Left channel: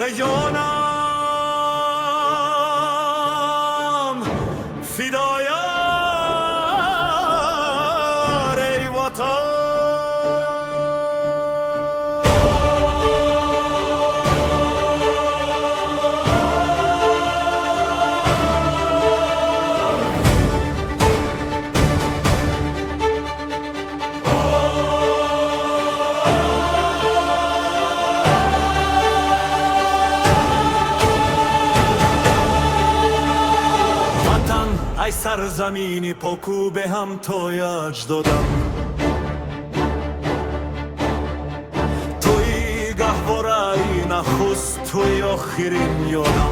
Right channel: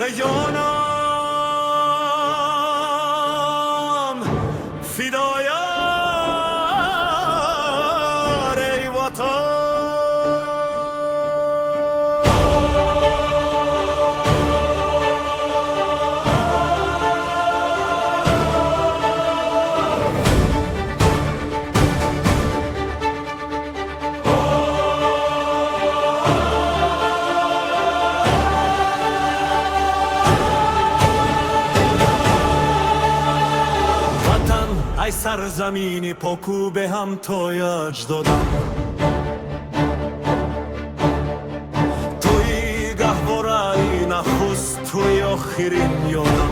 به جانم فدایان ای وطن. ای سرزمینی پاکو به هم توی اجدادم، توی گهواره‌ای نخست توی آخرین یادم.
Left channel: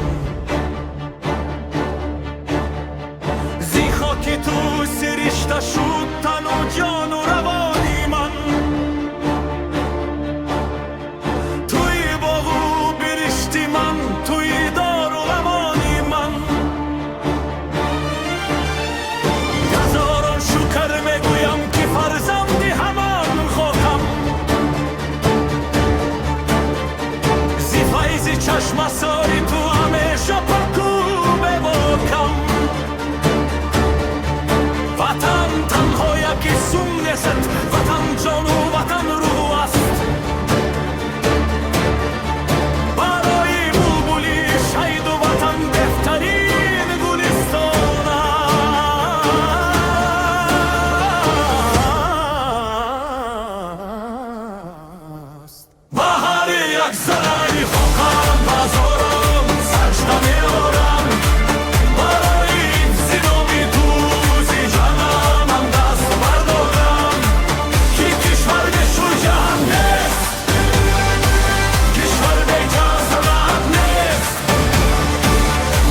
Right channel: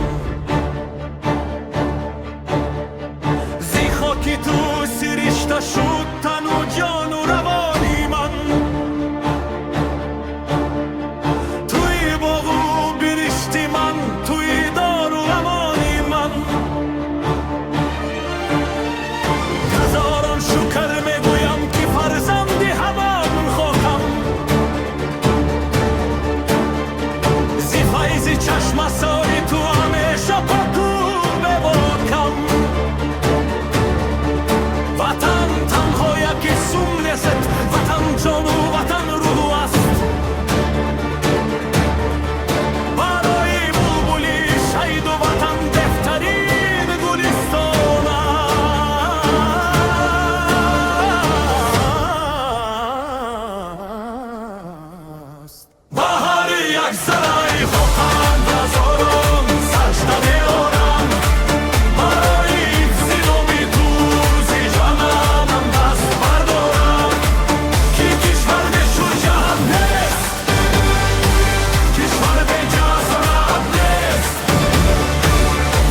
زی خاکی تو سرشته شد تن و جان و روانی من، توی باغ و برشتی من، توی دار و امانی من. هزاران شکر میگویم که فرزند همان خاکم، زی فیض چشم ساری تو همیشه پاکو بباکم. وطن تنها یکی سوم نیست، وطن جان و وطن روح است. برای بلبلی شهید و وطن بهترین گلستان است. بهار یک زرای خاکم بازارم سجده میارم، برای حفظ نام تو زی جانم من دست بردارم. که کشور به شجاعت نیست، کشور به جسارت نیست،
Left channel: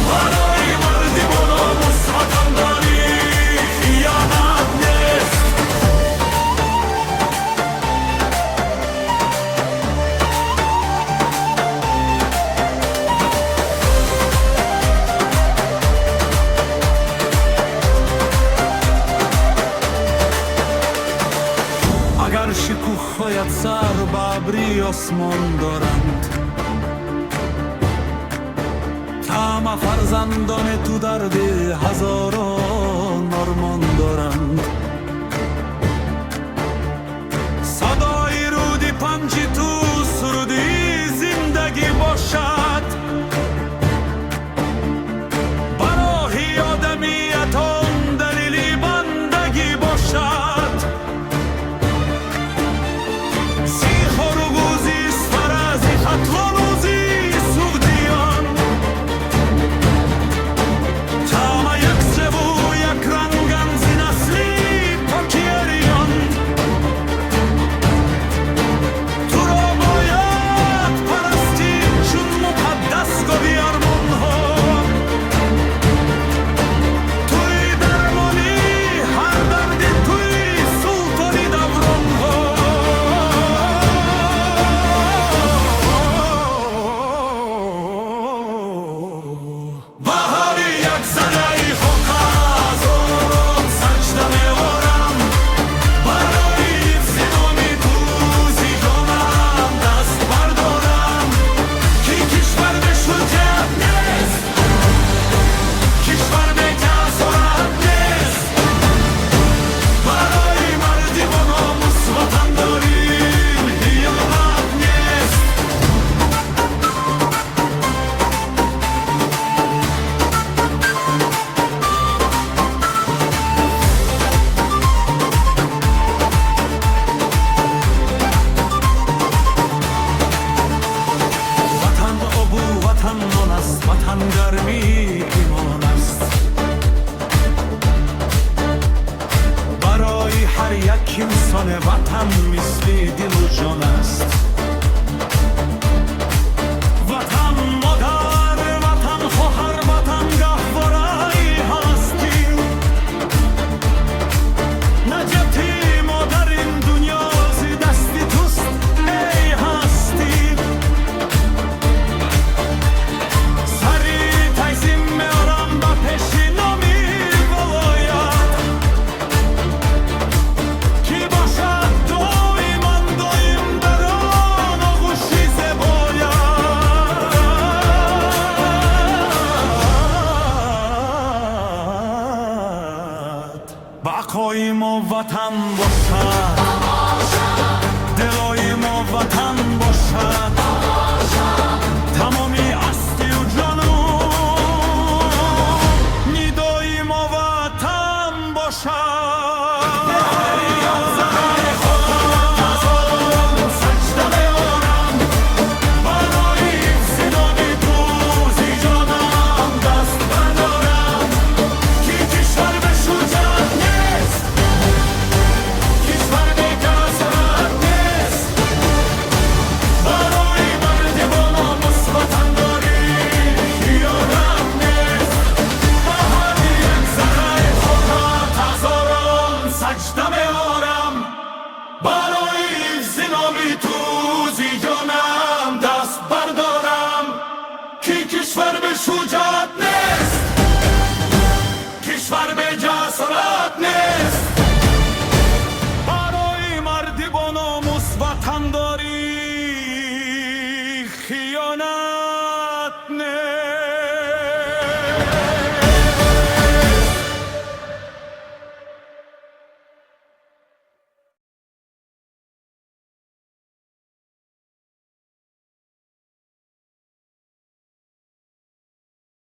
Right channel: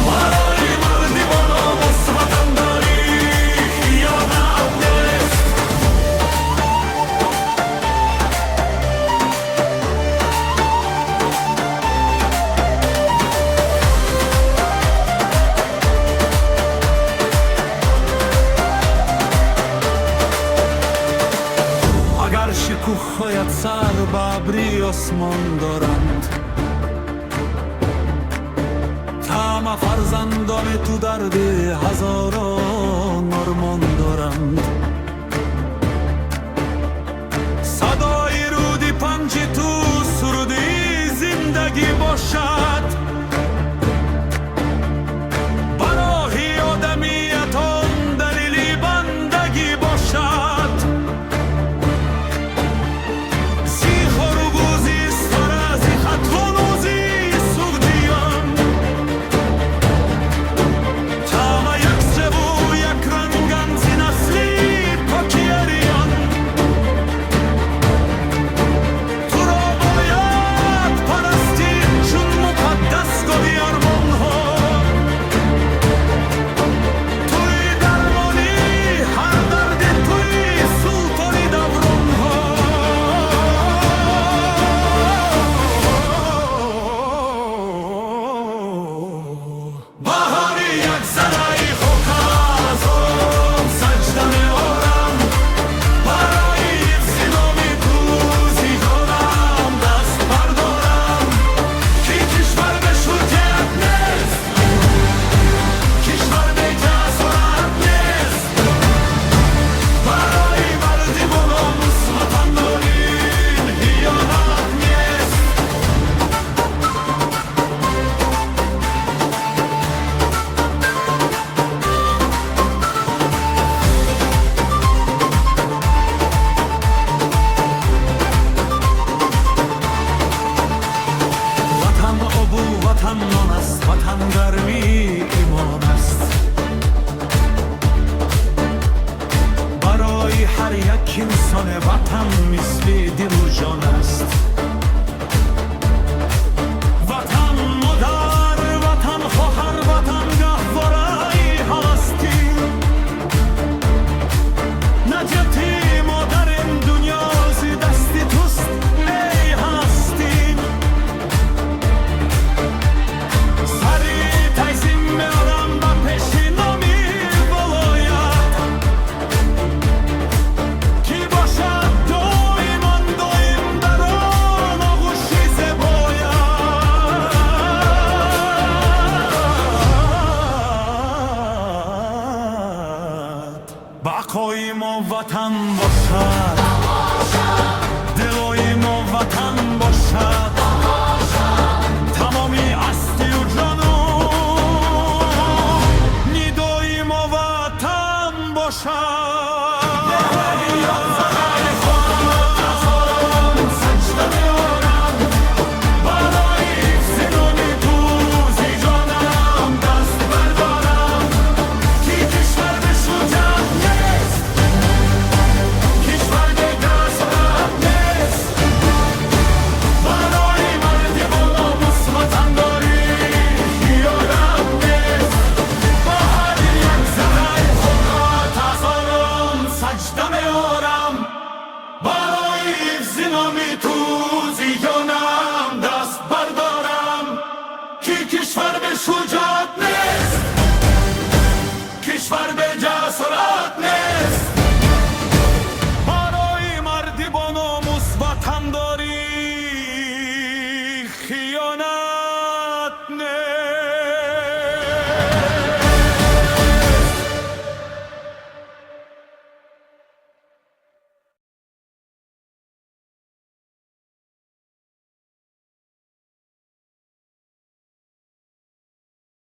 برای مردی با ناموس وطنداری خیانت نیست. اگر شکوفهایت سر به ابری آسمان دارند، طمع فرزندان تو درد هزاران آرمان دارند. صدای رودی پنج تو سرودی زندگی باشد، برای آدمیت آن دلیلی بندگی باشد. زی خروگوزی سفرازی خطوانوزی سوگدیان، تاما یک سبو یک رنگن زی نسلی پاکیریان. تو را باید پرستید چون مقدس گوی ارمان ها، توی درمانی هر دردی توی سلطانی دوران ها. بهاری یک زرای خاکم سجده میارم، برای حفظ نام تو زی جانم دست بردارم. که کشور به شجاعت نیست، کشور به جسارت نیست، برای مردی با ناموس وطنداری خیانت نیست. وطن آبو وطن نان است، وطن گرمی ایمان است. برای هر یک انسان وطن مثل دل و جان است. وطن مادر، وطن خواهر، وطن گهواره‌ای هستیم. نجاتی مادر این دنیا زی دستی توست ای هستیم. سری تایزیم میارم با پیشی نامی ولایت، که باشد دائما دائم در ما وطن باشد دلای ما وطن باشد تمامی هستی و جانو ندای ما وطن باشد سجده میارم برای زنامی تو زیانم دست بردارم که کشور به شجاعت نیست کشور به جسارت نیست برای مردی با ناموس وطن داری خیانت نیست